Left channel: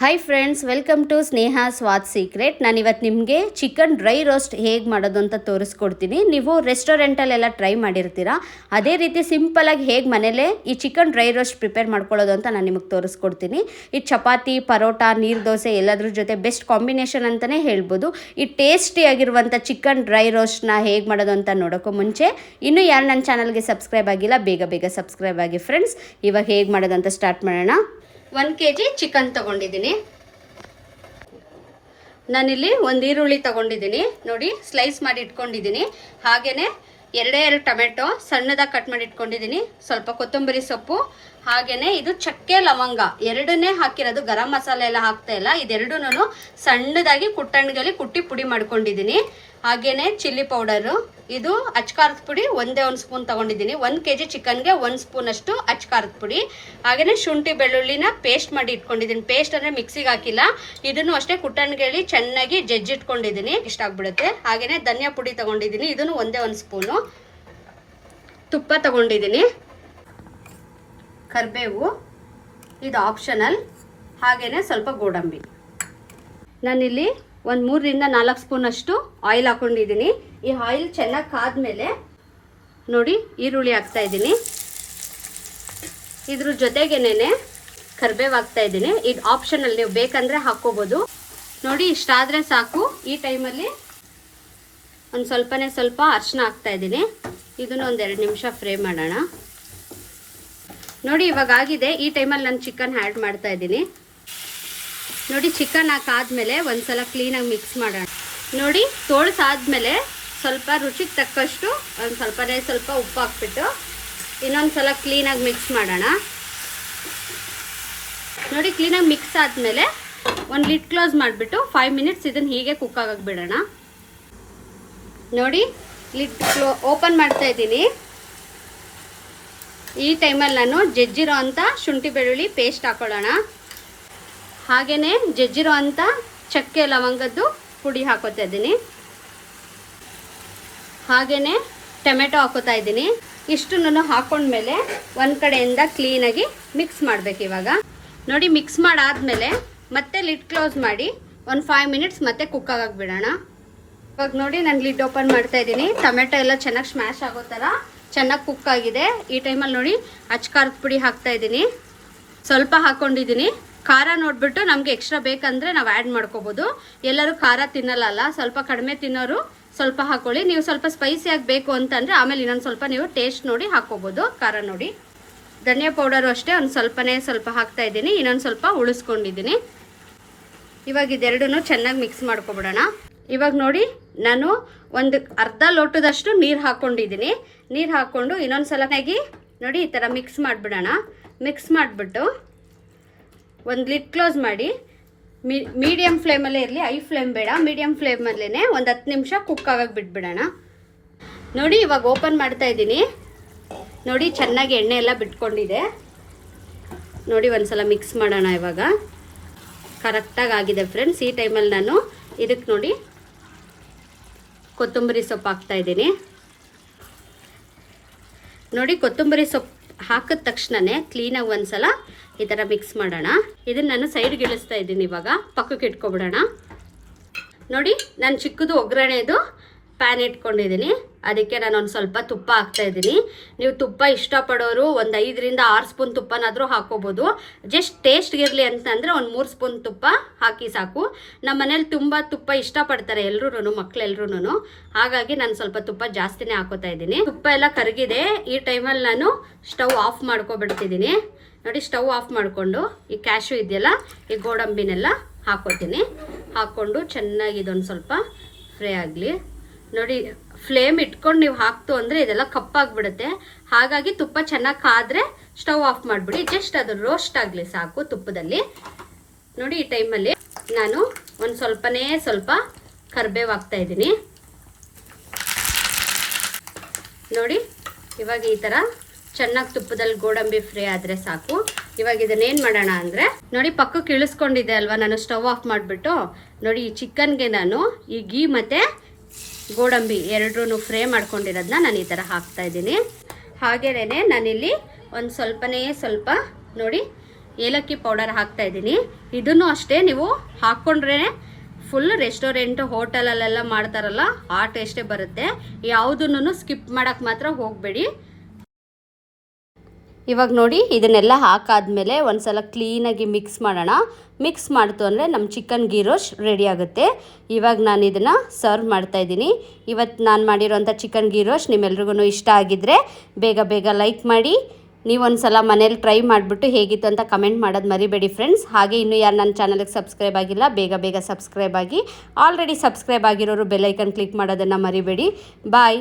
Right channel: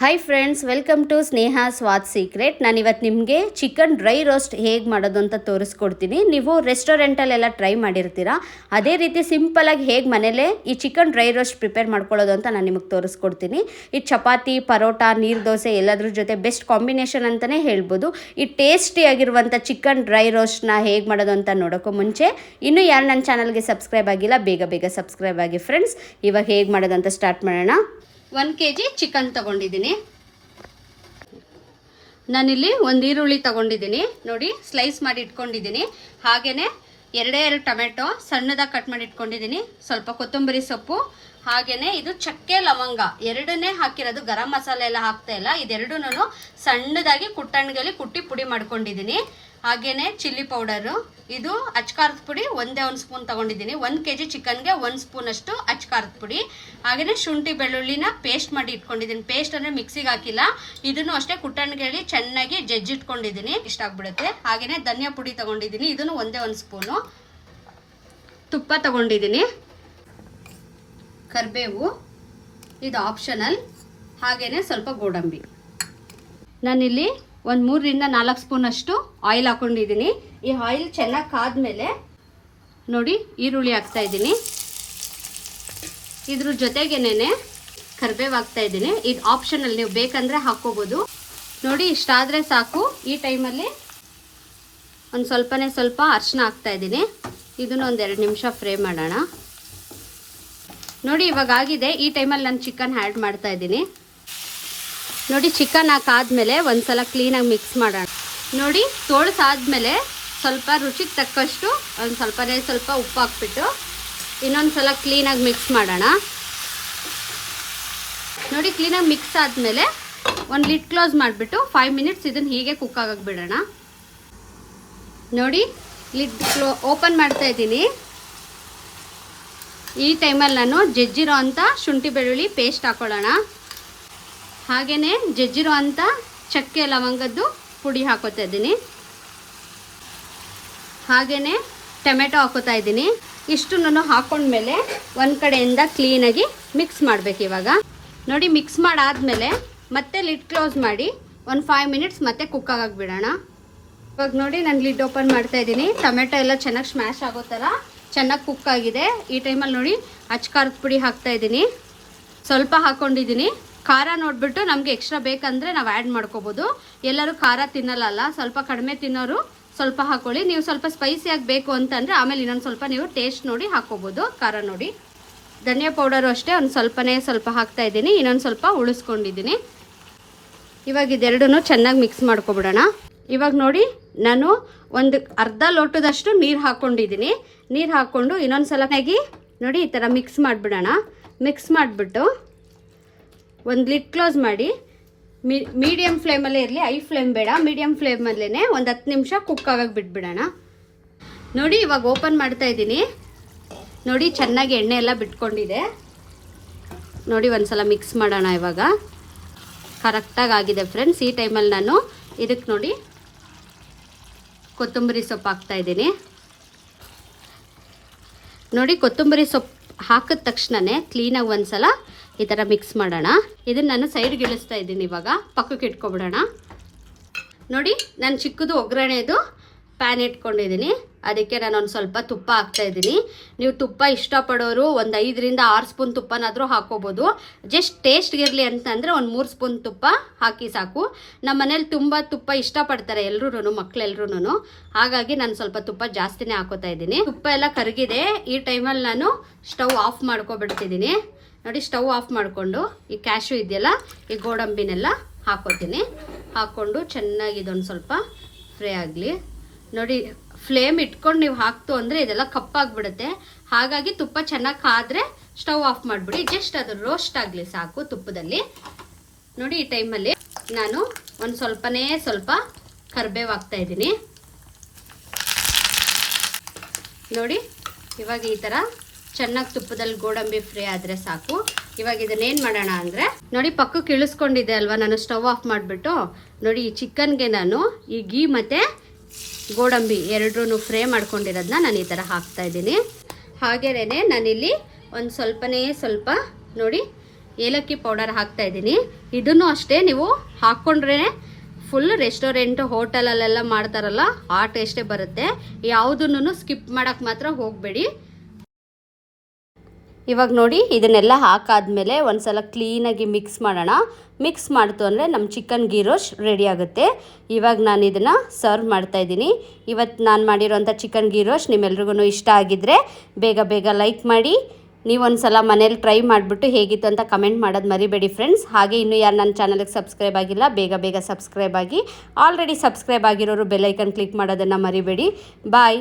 Hi friends, welcome to Sneha Swad secret. ನಾನು ಇವತ್ತು ನಿಮಗೆ ಚಿಕನ್ ಡ್ರೈ ರೋಸ್ಟ್ ಹೇಗೆ ಮಾಡೋದು ಅಂತ ತೋರಿಸ್ಕೊಡ್ತೀನಿ. ನೀವು ರೆಸ್ಟೋರೆಂಟಲ್ಲೆಲ್ಲ ಟ್ರೈ ಮಾಡಿರ್ತೀರಾ, ಅದೇ ರೀತಿ ಸಿಂಪಲಾಗಿ ಹೇಗೆ ಮನೇಲೇ ಈ ಚಿಕನ್ ಡ್ರೈ ರೋಸ್ಟ್ ಪ್ರಿಪೇರ್ ಮಾಡ್ಕೊಳ್ಳೋದು ಅಂತ ನಾನು ನಿಮಗೆ ತೋರಿಸ್ಕೊಡ್ತೀನಿ. ಈ ಚಪಾತಿ, ಪರೋಟ, ನೀರು ದೋಸೆ ಎಲ್ಲದ್ರ ಜೊತೆ ಬೆಸ್ಟ್ ಕಾಂಬಿನೇಷನ್ ಅಂತಲೇ ಹೇಳ್ಬೋದು. ಈ ಟೇಸ್ಟಿಯಾಗಿರುವಂಥ ಚಿಕನ್ ಡ್ರೈ ರೋಸ್ಟ್ನ ಹೇಗೆ ಮಾಡೋದು ಅಂತ ನೋಡೋಕ್ಕೂ ಮುಂಚೆ ಇನ್ನೂ ಯಾರು ನನ್ನ ಚಾನಲ್ಗೆ ಸಬ್ಸ್ಕ್ರೈಬ್ ಆಗಿಲ್ಲ, ಬೇಗ ಸಬ್ಸ್ಕ್ರೈಬ್ ಆಗಿ ಫ್ರೆಂಡ್ಸ್. ಇವಾಗ ಹೇಗೆ ಮಾಡೋದು ಅಂತ ಸ್ಟಾರ್ಟ್ ಮಾಡೋಣ. 1 kg ಚಿಕನ್ ತೊಗೊಂಡಿದ್ದೀನಿ. ನಾನಿಲ್ಲಿ ಒಂದು ಈರುಳ್ಳಿ ತೊಗೊಂಡಿದ್ದೀನಿ, ನೋಡಿ ಸ್ಲೈಸ್ ಮಾಡಿ ಇಟ್ಕೊಂಡಿದ್ದೀನಿ. ಹಾಗೆಯೇ 2 ಟೊಮೆಟೊ ಸಣ್ಣದಾಗಿ ಕಟ್ ಮಾಡಿ ಇಟ್ಕೊಂಡಿದ್ದೀನಿ. ಸ್ವಲ್ಪ ಕೊತ್ತಂಬರಿ ಸೊಪ್ಪು, ಹಾಗೆಯೇ ಇದು ಚಕ್ಕೆ ಲವಂಗ ಎರಡನ್ನೇ ಹಾಕಿರೋದು, ಗರಂ ಮಸಾಲೆ ಎಲ್ಲ ಹಾಕ್ತಾ ಇಲ್ಲ. ಇದೆರಡೂ ಸಣ್ಣದಾಗಿ ಕುಟ್ಟಣಿಗೆಯಲ್ಲಿ ಕುಟ್ಟಿ ಪುಡಿ ಮಾಡ್ಕೊಂಡಿದ್ದೀನಿ. ಹಾಗೆಯೇ ಚಿಲ್ಲಿ ಪೌಡರು, ಇದು ಅಚ್ಕಾರದ ಪುಡಿ 1 ಸ್ಪೂನ್ ತೊಗೊಂಡಿದ್ದೀನಿ. 1 kg ಚಿಕನ್ಗೆ 1 ಸ್ಪೂನ್ ಅಷ್ಟು ಅಚ್ಕಾರದ ಪುಡಿ. ಹಾಗೆಯೇ ಶುಂಠಿ ಬೆಳ್ಳುಳ್ಳಿನ ಪೇಸ್ಟ್ ಮಾಡಿ ಇಟ್ಕೊಂಡಿದ್ದೀನಿ. ಪೇಸ್ಟ್ ಅಂದರೆ ಮಿಕ್ಸಿಗೆ ಹಾಕಿಲ್ಲ, ಇದನ್ನು ಅಷ್ಟೇ ಕುಟ್ಟಣಿಗೆಯಲ್ಲಿ ಚೆನ್ನಾಗಿ ಜಜ್ಜಿಟ್ಕೊಂಡಿದ್ದೀನಿ, ಇಷ್ಟ ಆಗ್ಬಿಡುತ್ತೆ. ಹಾಗೆಯೇ ಧನಿಯಾ ಪುಡಿ ತೊಗೊಂಡಿದ್ದೀನಿ, ಇದನ್ನು 1 ಸ್ಪೂನು. ತುಪ್ಪ ತೊಗೊಂಡಿದ್ದೀನಿ, ಕರಿಬೇವು ಇದು ಆಪ್ಷನಲ್, ಹಾಗೆಯೇ ಸ್ವಲ್ಪ ಗೋಡಂಬಿ. ನಾನಿಲ್ಲಿ ಒಂದು 3 ರಿಂದ 4 ಸ್ಪೂನ್ ಅಷ್ಟು ಆಯಿಲ್ ಹಾಕೊಂಡಿದ್ದೀನಿ. ಈ ಆಯಿಲ್ ಚೆನ್ನಾಗಿ ಕಾದ್ಮೇಲೆ ನೋಡಿ ಈರುಳ್ಳಿ ಹಾಕ್ತಾ ಇದ್ದೀನಿ. ಇದ್ರ ಜೊತೆಗೇನೆ ಕರಿಬೇವು ಹಾಕ್ತಾ ಇದ್ದೀನಿ. ಇದು ಆಪ್ಷನಲ್, ನೀವು ಬೇಕಂದರೆ ಹಾಕ್ಕೋಬೋದು. ನೋಡಿ ಇಷ್ಟಾದರೆ ಸಾಕು. ಈ ಟೈಮಲ್ಲಿ ಒಂದು ಸ್ವಲ್ಪ ಅರಿಶಿನ ಹಾಕ್ತಾ ಇದ್ದೀನಿ. ಇದನ್ನು 1-2 ನಿಮಿಷ ಫ್ರೈ ಮಾಡೋಣ. ನೋಡಿ ಇವಾಗ ಆಗಿದೆ. ಈ ಟೈಮಲ್ಲಿ ನಾನು ಚಿಕನ್ ಆ್ಯಡ್ ಮಾಡ್ತಾ ಇದ್ದೀನಿ. ನೋಡಿ ಚಿಕನ್ ಹಾಕಾದ್ಮೇಲೆ ಒಂದ್ಸಲ ಕ್ಲೀನಾಗಿ ಮಿಕ್ಸ್ ಮಾಡೋಣ. ನೋಡಿ ತೋಳ್ಸಾದ್ಮೇಲೆ ಸ್ವಲ್ಪ ರುಚಿಗೆ ತಕ್ಕಷ್ಟು ಸ್ವಲ್ಪ ಉಪ್ಪು ಹಾಕ್ಬಿಟ್ಟು ಇನ್ನೊಂದ್ಸಲ ಕ್ಲೀನಾಗಿ ಮಿಕ್ಸ್ ಮಾಡೋಣ. ನೋಡಿ ಕ್ಲೀನಾಗಿ ಮಿಕ್ಸ್ ಆದಮೇಲೆ ಒಂದು ಲಿಡ್ ಕ್ಲೋಸ್ ಮಾಡಿಬಿಟ್ಟು 5 ಮಿನಿಟ್ಸ್ ಇದನ್ನು ಹೀಗೆ ಕುಕ್ ಆಗಕ್ಕೆ ಬಿಡೋಣ. ನೋಡಿ ಲಿಡ್ ಓಪನ್ ಮಾಡ್ತಾ ಇದ್ದೀನಿ. ಈ ಟೈಮಲ್ಲಿ ನಾನು ಜಜ್ಜಿರೋ ಅಂಥ ಶುಂಠಿ ಬೆಳ್ಳುಳ್ಳಿ ಪೇಸ್ಟ್ ಹಾಕೊಳ್ಳೋಣ. ಹಾಗೆಯೇ ಜಜ್ಜಿರೋ ಅಂಥ ಚಕ್ಕೆ ಲವಂಗದ್ದು ಪುಡಿ ಹಾಕೋತಾ ಇದ್ದೀನಿ. ಹಾಗೆಯೇ ಟೊಮೆಟೊ ಹಾಕೋತಾ ಇದ್ದೀನಿ. ಇಷ್ಟನ್ನು ಹಾಕೊಂಡ್ಮೇಲೆ ಒಂದು ಕಡೆಯಿಂದ ಕ್ಲೀನಾಗಿ ಮಿಕ್ಸ್ ಮಾಡಬೇಕು. ಇವಾಗ ನೋಡಿ ಮಿಕ್ಸ್ ಮಾಡಾದ್ಮೇಲೆ ಮತ್ತೆ ಲಿಡ್ ಕ್ಲೋಸ್ ಮಾಡಿ ಒಂದು 5 ಮಿನಿಟ್ಸ್ ಮತ್ತೆ ಕುಕ್ ಆಗಕ್ಕೆ ಬಿಡೋಣ. ಇವಾಗ ನೋಡಿ ನಾನು ಲಿಡ್ ಓಪನ್ ಮಾಡ್ತಾ ಇದ್ದೀನಿ. ಟೊಮೆಟೊ ಎಲ್ಲ ಚೆನ್ನಾಗಿ ಸ್ಮ್ಯಾಶ್ ಆಗೋ ಥರ ಚೆನ್ನಾಗಿ ಕುಕ್ ಆಗಿದೆ. ಈ ಟೈಮಲ್ಲಿ ನೋಡಿ ಅಚ್ಕಾರದ ಪುಡಿ ಹಾಕ್ತಾ ಇದ್ದೀನಿ, ಸ್ವಲ್ಪ ಹಾಕ್ಕೊಂಡಿದ್ದೀನಿ. ಖಾರ ನೋಡಿಬಿಟ್ಟು ನಮಗೆ ಎಕ್ಸ್ಟ್ರಾ ಬೇಕಂದರೆ ನಾವು ಆ್ಯಡ್ ಮಾಡ್ಕೋಬೋದು. ಎಲ್ಲರೂ ಖಾರ ತಿನ್ನಲ್ಲ, ಸ್ವಲ್ಪ ಕಡಿಮೆ ತಿನ್ನೋರು ಸ್ವಲ್ಪ ಹಾಕ್ಕೊಳ್ಳಿ. ನೀವು ಸ್ವಲ್ಪ ಸ್ಪೈಸಿಯಾಗಿ ಬೇಕು ಅಂತಂದರೆ ಆಮೇಲೆ ಇನ್ನೊಂದು ಸ್ವಲ್ಪ ನೀವು ಟೇಸ್ಟ್ ನೋಡಿ ಹಾಕ್ಕೋಬೋದು. ಖಾರ ನೋಡಿ. ಧನಿಯಾ ಪೌಡರು ಅಷ್ಟೇ ಒಂದು ಸ್ವಲ್ಪ ಹಾಕ್ತಾ ಇದ್ದೀನಿ, ಇನ್ನೊಂದು ಸ್ವಲ್ಪ ಉಳಿಸ್ಕೊಂಡಿದ್ದೀನಿ. ಇವಾಗ ಇದೆರಡೂ ಚೆನ್ನಾಗಿ ಮಿಕ್ಸ್ ಮಾಡ್ಕೊಬಿಡೋಣ. ಇವಾಗ ನೋಡಿ ನಾನು ಒಂದು ಅರ್ಧ ಲೋಟದಷ್ಟು ನೀರು ಹಾಕ್ಕೊಂಡಿದ್ದೀನಿ. ನೀರು ಹಾಕ್ಕೊಂಡು ಇನ್ನೊಂದು ಸಲನಾಗಿ ನೋಡಿ ಈ ಥರ ಮಿಕ್ಸ್ ಮಾಡಿಬಿಡೋಣ. ಮಿಕ್ಸ್ ಮಾಡಿಬಿಟ್ಟು ಒಂದು ಲಿಡ್ ಕ್ಲೋಸ್ ಮಾಡಿ ಮೀಡಿಯಮ್ ಫ್ಲೇಮಲ್ಲೇ ಇರಲಿ, ಐ ಫ್ಲೇಮ್ ಬೇಡ, ಮೀಡಿಯಮ್ ಫ್ಲೇಮಲ್ಲೇ ಒಂದು 10 ನಿಮಿಷ ಕುಕ್ ಆಗಕ್ಕೆ ಬಿಟ್ಬಿಡೋಣ. ನೋಡಿ ಇವಾಗ ಓಪನ್ ಮಾಡ್ತಾ ಇದ್ದೀನಿ. ನೋಡಿ ಚೆನ್ನಾಗಿ ಎಣ್ಣೆ ಎಲ್ಲ ಬಿಟ್ಕೊಂಡಿದೆ. ನೋಡಿ ಒಂದ್ಸಲ ಮಿಕ್ಸ್ ಮಾಡೋಣ. ಇವಾಗ ಕರೆಕ್ಟಾಗಿ ಆಗಿದೆ ಫ್ರೆಂಡ್ಸ್. ಈ ಟೈಮಲ್ಲಿ ನಾನು ಇದಕ್ಕೆ ನೋಡಿ ಕೊತ್ತಂಬರಿ ಸೊಪ್ಪು ಹಾಕ್ತಾ ಇದ್ದೀನಿ. ನೋಡಿ ಕೊತ್ತಂಬರಿ ಸೊಪ್ಪು ಹಾಕಿದ ತಕ್ಷಣವೇ ಕ್ಲೀನಾಗಿ ಒಂದ್ಸಲ ಈ ಥರ ಮಿಕ್ಸ್ ಮಾಡೋಣ. ಇದನ್ನು ನಾನು ಸೈಡ್ಗೆ ಇಳಿಸ್ತಾ ಇದ್ದೀನಿ. ಇವಾಗ ಪಕ್ಕಕ್ಕೆ ಇಟ್ಕೊಬಿಡೋಣ. ನೋಡಿ ನಾನು ಚಿಕ್ಕದು ಒಗ್ಗರಣೆದು ಪ್ಯಾನ್ ಇಟ್ಕೊಂಡಿದ್ದೀನಿ. ಅದಕ್ಕೆ ನಾನು ಒಂದು ಸ್ವಲ್ಪ ತುಪ್ಪ ಹಾಕ್ತಾ ಇದ್ದೀನಿ. ನೀವು ತುಪ್ಪ ಇಷ್ಟಪಡೋರು ಒಂದು 5 ರಿಂದ 6 ಸ್ಪೂನ್ ತುಪ್ಪನಾದರೂ ಹಾಕ್ಕೋಬೋದು. ಜಸ್ಟ್ ಟೇಸ್ಟ್ಗಿರಲಿ ಅಂತಂದರೆ ಒಂದು 3 ಸ್ಪೂನ್ ತುಪ್ಪ ಹಾಕಿ ಸಾಕು. ನಮ್ಮ ಮನೇಲಿ ತುಂಬ ತುಪ್ಪ ಇಷ್ಟಪಡ್ತಾರೆ ಎಲ್ಲರೂ, ಮಕ್ಕಳೆಲ್ಲರೂ. ಹಾಗಾಗಿ ನಾನು ಸ್ವಲ್ಪ ತುಪ್ಪ ಜಾಸ್ತಿನೇ ಹಾಕೋತಾ ಇದ್ದೀನಿ. ತುಪ್ಪ ಎಲ್ಲ ಕರಗಿದೆ. ಈ ಟೈಮಲ್ಲಿ ನಾನು ಸ್ಟವ್ ಆಫ್ ಮಾಡ್ಕೊಬಿಡ್ತಿದ್ದೀನಿ. ನೋಡಿ ಸ್ಟವ್ ಆಫ್ ಮಾಡಿಕೊಂಡು ಈ ಕ್ಯಾಶು ಇದೆಯಲ್ಲ, ಈ ಗೋಡಂಬಿನೆಲ್ಲ ಹಾಕೋತೀನಿ. ಹಾಕ್ಕೊಂಡು ಚೆನ್ನಾಗಿ ಇದೊಂದು ಸ್ವಲ್ಪ ಫ್ರೈ ಆಗಲಿ. ನೋಡಿ ಫ್ಲೇಮ್ ಇಟ್ಕೊಂಡು ನೀವು ಹಾಕ್ತು ಅಂದರೆ ಇದೆಲ್ಲ ಕಪ್ಪಾಗ್ಬಿಡುತ್ತೆ. ಹಾಗಾಗಿ ತುಪ್ಪ ಚೆನ್ನಾಗಿ ಕಾದ್ರೆ ಸ್ಟವ್ ಆಫ್ ಮಾಡಿಬಿಡಿ. ಜಸ್ಟ್ ಅದು ರೋಸ್ಟ್ ಆಗಲಿ ಸಾಕು ತುಪ್ಪದಲ್ಲಿ. ನೋಡಿ ಈ ಟೈಮಲ್ಲಿ ನಾನು ಒಂದು ಸ್ವಲ್ಪ ಕರಿಬೇವು ಹಾಕ್ತಾ ಇದ್ದೀನಿ. ನೋಡಿ ಇವಾಗ ಈ ಥರ ಚೆನ್ನಾಗಿ ತುಪ್ಪದಲ್ಲಿ ಗೋಡಂಬಿ ಫ್ರೈ ಆದರೆ ಸಾಕು. ಇವಾಗ ಇದನ್ನೇನು ಮಾಡೋಣ ಅಂದರೆ ನೋಡಿ ಪಕ್ಕಕ್ಕೆ ಇಳಿಸ್ಕೊಂಡಿದ್ದೆ ಅಲ್ವಾ ನಾನು ಸ್ಟವ್ ಆಫ್ ಮಾಡಿಬಿಟ್ಟು. ನೋಡಿ ಈ ಚಿಕನ್ಗೆ ನಾನು ಈ ಗೀ ಮತ್ತು ಗೋಡಂಬಿ ಎರಡೂ ಫ್ರೈ ಮಾಡ್ಕೊಂಡಿರೋದನ್ನ ನಾನು ಈ ಥರ ಹಾಕ್ತಾ ಇದ್ದೀನಿ. ಹಾಗೆಯೇ ನಾನಿಲ್ಲಿ ಒಂದು ಸ್ವಲ್ಪ ನೋಡಿ ಏಲಕ್ಕಿ ಪೌಡರ್ ಹಾಕ್ತಾ ಇದ್ದೀನಿ. ಇದನ್ನು ಅಷ್ಟೇ ನೀವು ಹಾಕ್ಕೊಂಡ್ರೇ ಫುಲ್ ರೆಸ್ಟೋರೆಂಟ್ ಹೋಟೆಲಲ್ಲೆಲ್ಲ ಮಾಡ್ತಾರಲ್ಲ ಆ ಟೇಸ್ಟೇ ಬರುತ್ತೆ. ಯಾವುದನ್ನು ಸ್ಕಿಪ್ ಮಾಡೋಕ್ಕೆ ಮಾತ್ರ ಹೋಗಬೇಡಿ. ಇವಾಗ ನೋಡಿ ಇದನ್ನೆಲ್ಲ ಹಾಕಾದ್ಮೇಲೆ ಒಂದ್ಸಲ ಕ್ಲೀನಾಗಿ ಮಿಕ್ಸ್ ಮಾಡೋಣ. ಮಿಕ್ಸ್ ಮಾಡ್ತು ಅಂದರೆ ನಮ್ಮ ಚಿಕನ್ ಗೀ ರೋಸ್ಟ್ ರೆಡಿ ಆಗುತ್ತೆ. ಇವಾಗ ನಾನು ಇದನ್ನು ಸರ್ವ್ ಮಾಡ್ತಾಯಿದ್ದೀನಿ. ಇವತ್ತು ನಾನು ಮಾಡಿರೋಂಥ ಚಿಕನ್ ಗೀ ರೋಸ್ಟ್ ನಿಮ್ಮೆಲ್ರಿಗೂ ಇಷ್ಟ ಆಗಿದ್ದರೆ ಬೇಗ ಲೈಕ್ ಮಾಡಿ. ನೀವೊಂದ್ಸಲ ಮನೇಲಿ ಟ್ರೈ ಮಾಡಿಬಿಟ್ಟು ಹೇಗಿತ್ತು ಅಂತ ಕಮೆಂಟ್ ಮಾಡೋದು ಮರಿಬೇಡಿ ಫ್ರೆಂಡ್ಸ್. ಹಾಗೆ ಇನ್ನೂ ಯಾರು ನನ್ನ ಚಾನಲ್ಗೆ ಸಬ್ಸ್ಕ್ರೈಬ್ ಆಗಿಲ್ಲ ಬೇಗ ಸಬ್ಸ್ಕ್ರೈಬ್ ಆಗಿ. ಆಲ್ರೆಡಿ ಸಬ್ಸ್ಕ್ರೈಬ್ ಆಗಿರೋರು ಬೆಲ್ ಐಕನ್ ಕ್ಲಿಕ್ ಮಾಡೋದನ್ನು ಮರಿಬೇಡಿ. ಬಾಯ್.